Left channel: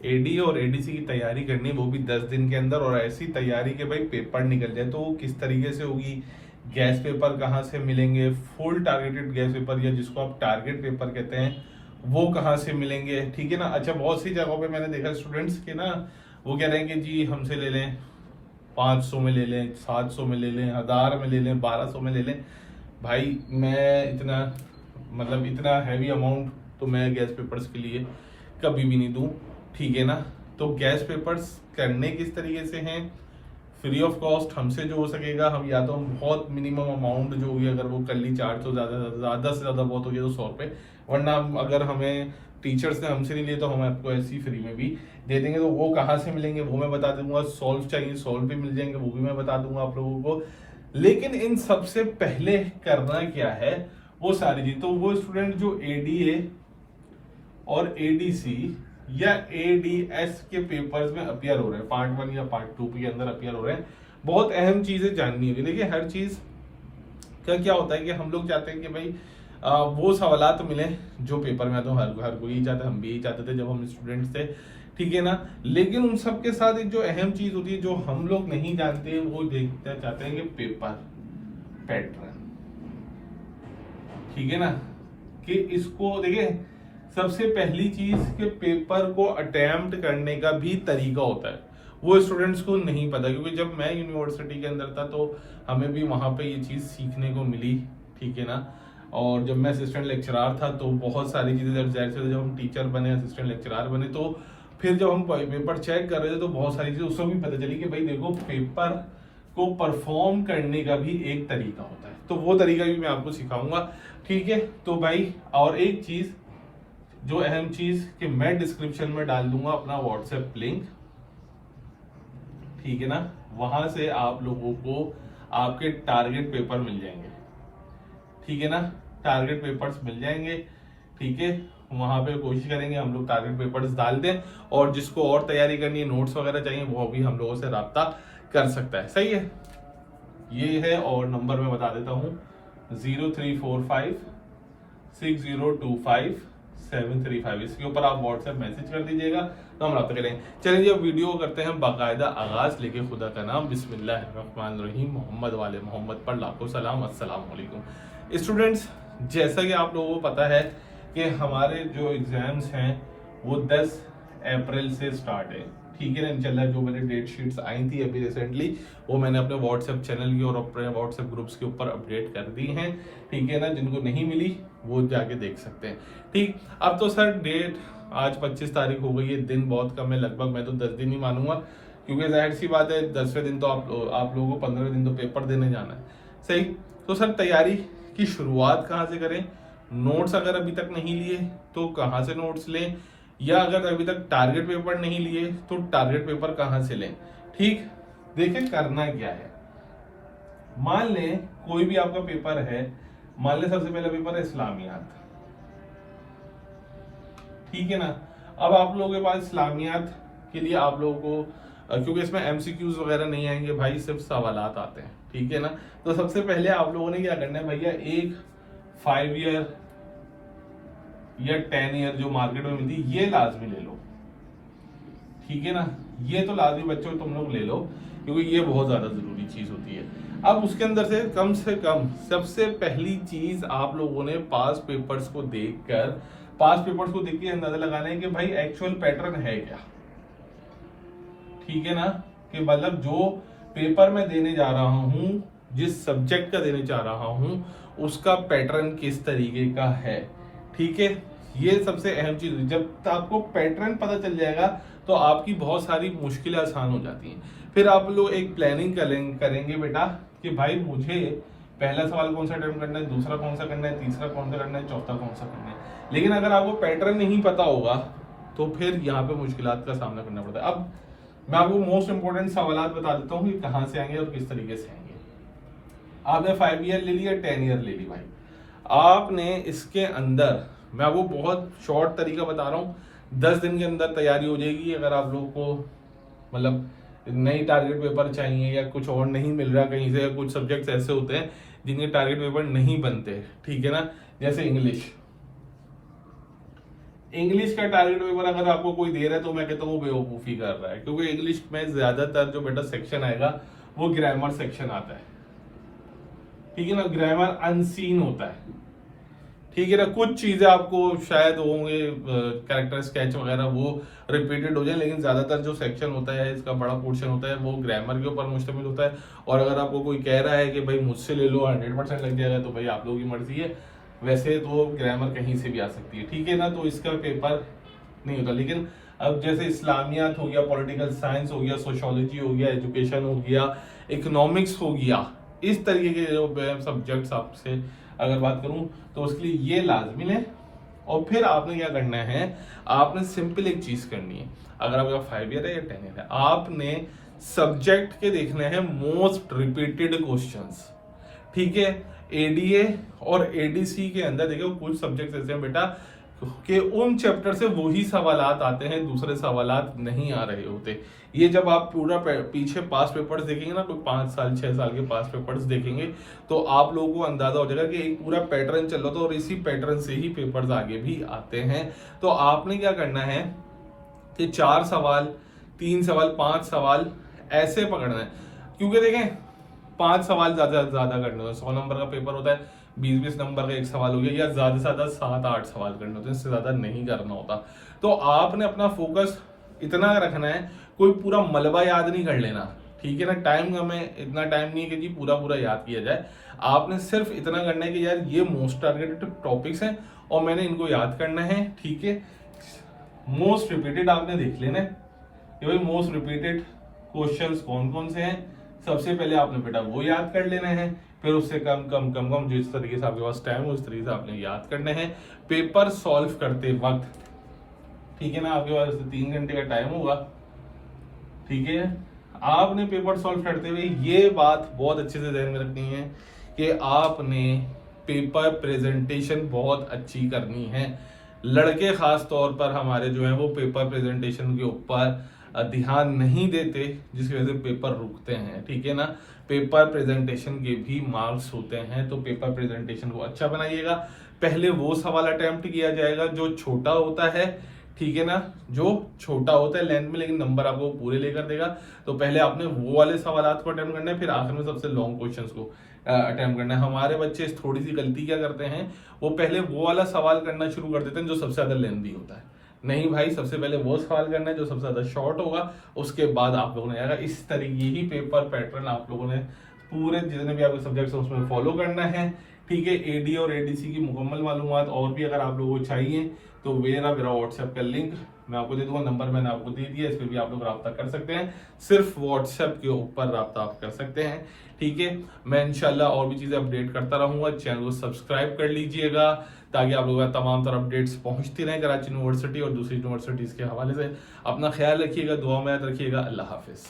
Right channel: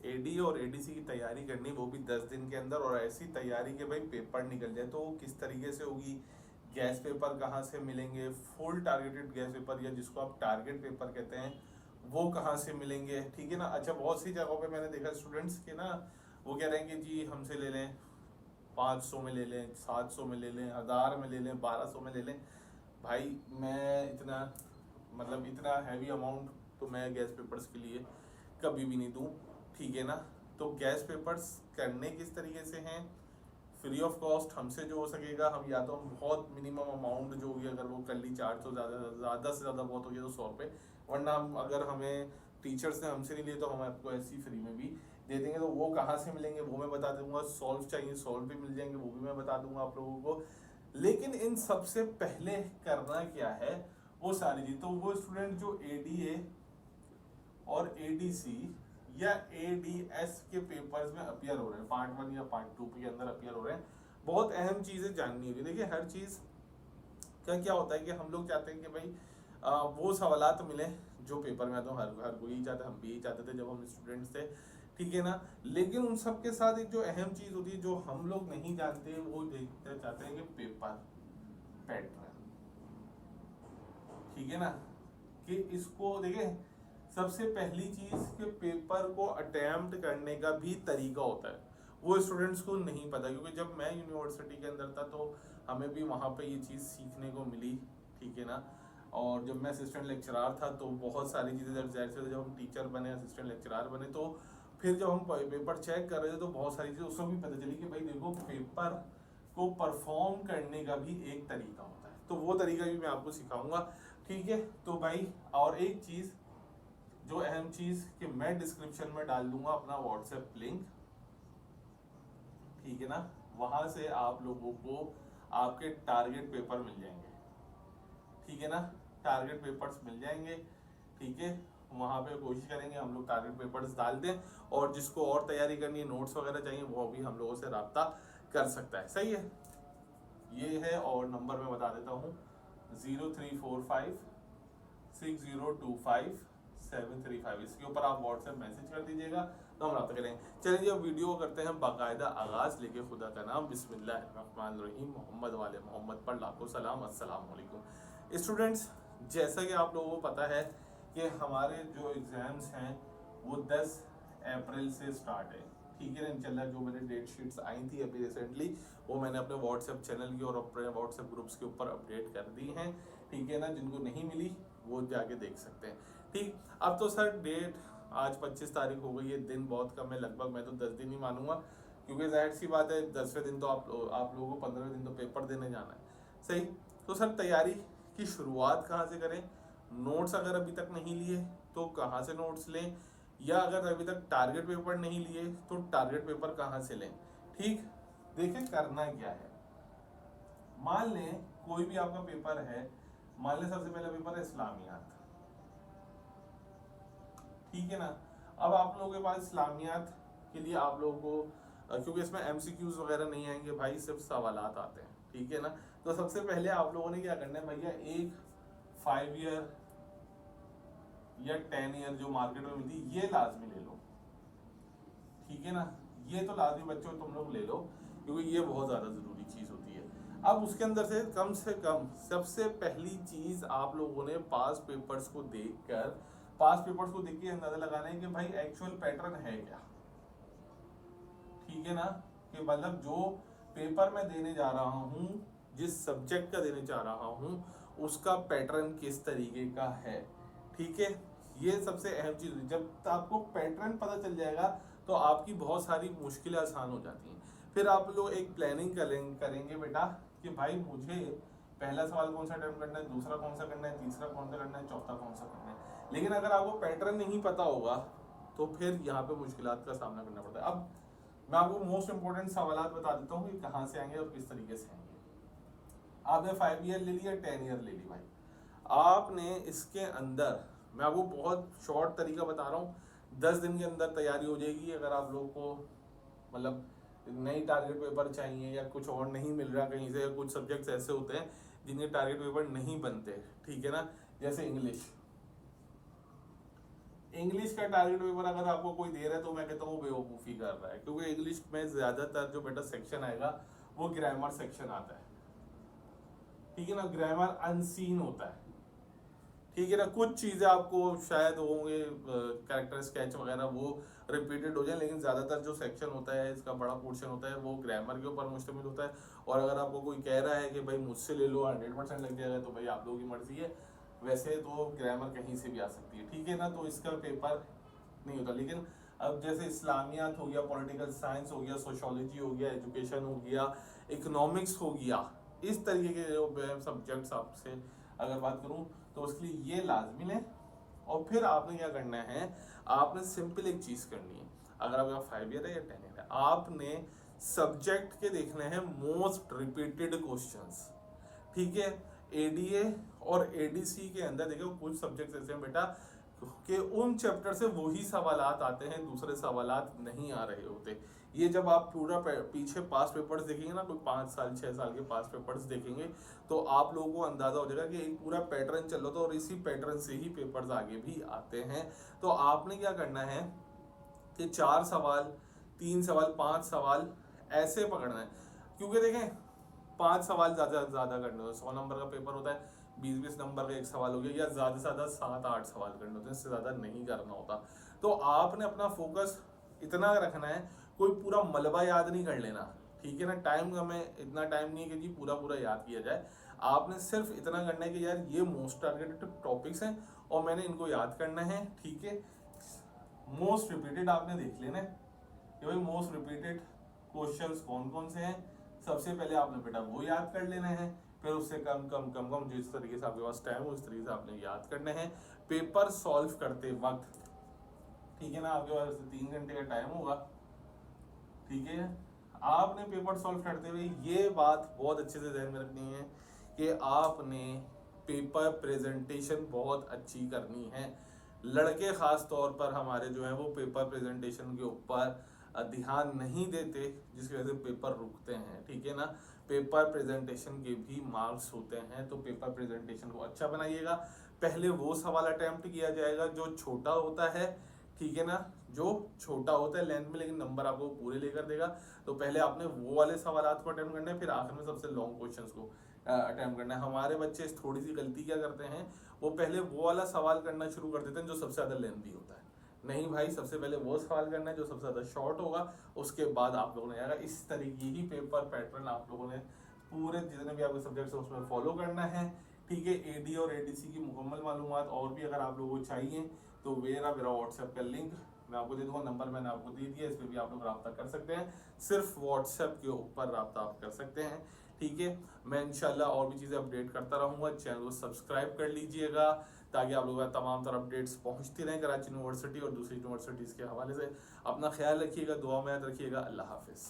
AD और ADC की तैयारी करनी, वो भी 10 दिन के अंदर, और ऐसी तैयारी के भाई पेपर निकल जाए, तो वो किस तरीके से होगी, गैस पेपर कहाँ से मिलेंगे, फुल टारगेटेड गैस पेपर या जिसको आप टारगेट पेपर कहते हैं वो कहाँ से मिलेंगे, ठीक है ना। अच्छा, बहुत सी जगहों पे मैंने देखा स्टूडेंट्स के ना, वो कह रहे हैं कि जी हमसे ले लें 500 में ले लें, 700 में ले लें, 1000 में ले लें, 1200 में ले लें। भाई मैं इतना, मतलब इतना हैवी अमाउंट तो मैं गैस पेपर्स के लिए कभी भी नहीं दूं, ठीक है ना। तो गैस पेपर्स करने किस तरीके से हैं, फ्री ऑफ कॉस्ट, हमसे जो हो सकेगा हम, या तो हम बहुत मिनिमम अमाउंट जो भी अगर वो कर ली चार्ज, तो ज़्यादा से ज़्यादा बहुत हो गया तो 100 रुपये, वरना अगर हमें टीचर्स ने हमसे नहीं लिए तो हम आपको ऐसी फ्री में भी दे देंगे। तो वो कहाँ से मिलेंगे वो मैं बता दूंगा, सॉल्व चाहिए सॉल्व भी मिल जाएंगे, वो भी मैं बता दूंगा आप लोगों को। लेकिन इन सबसे पहले करना क्या है वो सारी चीज, तो वो स्टूडेंट जो एडीए और एडीसी या एडीएस के पेपर्स में अपियर हो रहे हैं, पार्ट 1 या पार्ट 2 के अंदर अपियर हो रहे हैं, बहुत अहम चीजें जाननी होगी। देखिए हर चीज का क्या होता है कि हम लोग चाहते हैं कि भाई वो सवालात मिले जो पेपर में आते हैं, हर कोई ही चाहता है, हम भी यही चाहते थे जब हम स्टूडेंट्स थे, ठीक है ना। लेकिन उन सब के साथ एक जो अहम चीज होती है जो हम लोग नहीं जानते, वो देखना चाहते हैं कि पेपर पैटर्न, ठीक है ना। कि इसको देखिए, सबसे पहली चीज कि पेपर को अटेम्प्ट करने का भी तरीका होता है, वो स्टूडेंट्स को नहीं पता, क्योंकि जब मैं यूनिवर्सिटी के अंदर था तो हमें भी वहां पे ये चीज सीखने को मिली, ठीक है ना। और जब मैं असिस्टेंट लेक्चरार था तो बहुत सारी चीजें, जब हम टीचर बने, असिस्टेंट लेक्चरार बने, तो फिर जब हम पेपर चेक कर रहे थे तो बहुत सारी चीजें उसमें भी पता चली कि भाई देखो, पेपर को परफॉर्म करने का भी एक तरीका होता है, तो वो तरीका भी मैं आपको सिखाऊंगा, ठीक है। तो भाई और एक चीज जो अहम चीज कि मैं डिस्क्रिप्शन में डाल दूंगा अपना व्हाट्सएप लिंक, ठीक है ना। वहां से आप लोगों को आपके टारगेट पेपर मिल जाएंगे, ठीक है ना, टारगेट पेपर्स मिल जाएंगे, ठीक है। वहां पे कोशिश करेंगे हम लोग टारगेट पेपर्स डाल दें, और जिसको और तैयारी करनी है, नोट्स वगैरह चाहिए, वो भी हम लोगों से राब्ता कर सकता है, सही है। ये है, और नंबर मैं बता देता हूँ, 03456025 इसके ऊपर आप व्हाट्सएप मैसेज कर दीजिएगा तो हम रब्ता करेंगे। चलिए जी अब वीडियो को करते हैं बाकायदा आगाज, लेके खुदा का नाम, बिस्मिल्लाहिर्रहमानिर्रहीम, मोहम्मद वाले मोहम्मद पर लाखों सलाम, अस्सलाम वालेकुम। स्टूडेंट्स, जैसा कि आप लोगों को पता है कि हमारे जो एग्जाम्स हैं वो 10 अप्रैल से स्टार्ट है, ठीक है ना। इंशाल्लाह जो मैंने डेट शीट्स आई थी अभी रिसेंटली, वो मैंने अपने व्हाट्सएप चैनल की और अपने व्हाट्सएप ग्रुप्स के ऊपर अपडेट कर दी हैं, ठीक है ना। जिनको नहीं मिली वो जाके देख सकते हैं, ठीक। अब तो सर डेट आज 25 तारीख हो गई है, दिन बहुत कम है, लगभग मैं तो 10 दिन ही मानूंगा, क्योंकि जाहिर सी बात है 10वें दिन तो आप लोगों को 15वें दिन तो पेपर देने जाना है, सही। तो सर तैयारी की शुरुआत कहाँ से करें, नोट्स अगर अभी तक नहीं लिए तो कहाँ से नोट्स लें, या अगर अभी तक टारगेट पेपर नहीं लिए तो टारगेट पेपर कहाँ से लें, ठीक। देखिए करना क्या है, मान लें कोई भी आपका पेपर है, मान लें सबसे पहला पेपर है इस्लामियात, ठीक है ना। अब आप लोगों के पास इस्लामियात के लिए आप लोगों को क्योंकि इसमें एमसीक्यूज वगैरह नहीं आएंगे भाई, सिर्फ सवालात आते हैं, ठीक है ना। तो सबसे पहले आप लोगों ने क्या करना है भैया, एक 5 ईयर या 10 ईयर जो मार्केट में मिलती है ये लाजमी ले लो, ठीक है ना। ये तो लाजमी बच्चों तुम लोग ले लो, क्योंकि ये बहुत ज्यादा जरूरी चीज होती है। अब उसके अंदर से कम सबसे पहली चीज आप लोगों ने पास पेपर्स को देख के अंदाजा लगाना है कि भाई एक्चुअल पैटर्न है क्या, ठीक है ना। कि मतलब जो पेपर में देने जा रहा हूं, जिस सब्जेक्ट का देने जा रहा हूं, उसका पैटर्न किस तरीके का है, ठीक है। ये सबसे अहम चीज है, जब आपको पैटर्न पता चल जाएगा तो आपकी बहुत सारी मुश्किलें आसान हो जाती हैं। फिर आप लोग एक प्लानिंग करेंगे बेटा कि भाई मुझे पहला सवाल कौन सा अटेम्प्ट करना है, दूसरा कौन सा करना है, तीसरा कौन सा करना है, चौथा कौन सा करना है। लेकिन अगर आपको पैटर्न नहीं पता होगा तो फिर यहाँ पे मुश्किलात का सामना करना पड़ता है। अब मैं आपको मोस्ट इंपोर्टेंट सवाल बता देता हूँ कि कहाँ से आएंगे और किस तरीके से आएंगे। आपने 5 ईयर ले लिया, 10 ईयर ले ली भाई, आपने इसके अंदर, मैं आपको बहुत शॉर्ट तरीका बता रहा हूँ, 10 दिन के अंदर तैयारी हो जाएगी। अगर आप लोगों को मतलब नई टारगेट पेपर चाहिए या कुछ और नहीं मिल रहा कहीं से, या कुछ सब्जेक्ट्स ऐसे होते हैं जिनके टारगेट पेपर नहीं बनते, ठीक है ना। जैसे इंग्लिश का टारगेट पेपर अगर आपको कोई दे रहा है तो मैं कहता हूँ वो बेवकूफ़ी कर रहा है, क्योंकि इंग्लिश में ज़्यादातर जो बेटा सेक्शन आएगा वो ग्रामर सेक्शन आता है, ठीक है ना। ग्रामर अनसीन होता है, ठीक है ना। कुछ चीज़ें आपको शायद होंगे कैरेक्टर स्केच वगैरह वो रिपीटेड हो जाए, लेकिन ज़्यादातर जो सेक्शन होता है इसका बड़ा पोर्शन होता है वो ग्रामर के ऊपर मुश्तमिल होता है। और अगर आपको कोई कह रहा है कि भाई मुझसे ले लो 100% लग जाएगा, तो भाई आप लोगों की मर्जी है। वैसे तो ग्रामर कहीं से भी आ सकती है, ठीक है ना। तो इसका पेपर नहीं होता, लेकिन अब जैसे इस्लामियात हो गया, पॉलिटिकल साइंस हो गया, सोशोलॉजी हो गया, एजुकेशन हो गया, इकोनॉमिक्स हो गया, इस तरीके के जो सब्जेक्ट्स आपसे अगर बात करूं तो उसके लिए ये लाजमी है। और फिर आपने क्या करना है, आपने सिंपल एक चीज करनी है। अगर आपका 5 ईयर है या 10 ईयर है, आपने सब्जेक्ट के देखने हैं मोस्ट रिपीटेड क्वेश्चंस, ठीक है। एडीए और एडीसी के अंदर देखो कुछ सब्जेक्ट्स ऐसे हैं बेटा कि उन चैप्टर से वही सवालात आते हैं, दूसरे सवालात नहीं आ रहे होते। ये जब आप पूरा पीछे पास पेपर्स देखेंगे ना, कोई 5 साल 6 साल के पास पेपर्स देखेंगे, तो आप लोगों को अंदाजा हो जाएगा कि एक पूरा पैटर्न चल रहा था और इसी पैटर्न से ही पेपर्स आगे भी आते हैं। तो आपने क्या करना है कि 4 सवाल 3 सवाल 5 सवाल ऐसे पकड़ना है, क्योंकि देखें 5 सवाल ज्यादा ज्यादा करने होते हैं। 100 नंबर का पेपर होता है, 20-20 नंबर का एक सवाल हो गया, या ज्यादा से ज्यादा 7-8 सवाल करने होते हैं, इससे ज्यादा नहीं करना होता। तो आपने अपना फोकस इतना रखना है, कोई पूरा मलबा याद नहीं कर लेना, ठीक है ना। टाइम हमें इतना टाइम नहीं है कि जी पूरा पूरा याद किया जाए। आपने सिर्फ इतना करना है कि यार ये मोस्ट टारगेटेड टॉपिक्स हैं और मैंने इनको याद करना है, ठीक है। मोस्ट रिपीटेड आपने देख लेना है कि भाई मोस्ट रिपीटेड क्वेश्चंस कौन कौन से हैं। सबसे पहले आपने बेटा वो याद कर लेना है, फिर उससे कम कम कम कम जिस तरीके से आपके पास टाइम हो उस तरीके से आपने याद करने हैं। पेपर सॉल्व करते वक्त, ठीक है ना, आपके पास 3 घंटे का टाइम होगा, ठीक है। आपने पेपर सॉल्व करते हुए ये बात बहुत अच्छे से ध्यान में रखनी है कि आपने पेपर प्रेजेंटेशन बहुत अच्छी करनी है। लड़के खास तौर पर हमारे जो है वो पेपर प्रेजेंटेशन के ऊपर ध्यान नहीं देते, जिसकी वजह से पेपर रुकते हैं, ठीक है ना। पेपर प्रेजेंटेशन के भी मार्क्स होते हैं, तो पेपर प्रेजेंटेशन को अच्छा बनाइएगा। पहले वो सवाल अटेम्प्ट किया जाएगा जो छोटा होता है, ठीक है ना, जो छोटा होता है लेंथ में, लेकिन नंबर आपको पूरे लेकर देगा। तो पहले आपने वो वाले सवालात को अटेम्प्ट करना है, फिर आखिर में सबसे लॉन्ग क्वेश्चंस को अटेम्प्ट करना है। हमारे बच्चे थोड़ी सी गलती क्या करते हैं, वो पहले वो वाला सवाल करना शुरू कर देते हैं जो सबसे ज्यादा लेंथी होता है। नहीं भाई, सबसे पहले वो सवाल करना है जो सबसे ज्यादा शॉर्ट होगा, उसके बाद आप लोगों ने आएगा। इस तरीके ही पेपर पैटर्न आप लोगों ने पूरे जितने भी आपके सब्जेक्ट्स हैं उसमें फॉलो करना है, ठीक है। एडी और एडीसी की मुकम्मल मालूमात और भी अगर आप लोगों को चाहिए तो मेरा व्हाट्सएप का लिंक मैं आपको दे दूंगा, नंबर मैंने आपको दे दिया, इस पर भी आप लोग रब्ता कर सकते हैं। सिर्फ व्हाट्सएप के ऊपर रब्ता आप कर सकते हैं, ठीक है। मैं इंशाल्लाह और भी चीज़ें अपडेट करता रहूंगा। चैनल को सब्सक्राइब कर लीजिएगा ताकि आप लोगों का तमाम तरह अपडेट्स पहुंचती रहें कराची यूनिवर्सिटी और दूसरी यूनिवर्सिटीज़ के हवाले से। अपना ख्याल रखिएगा, दुआ में याद रखिएगा। अल्लाह हाफिज़।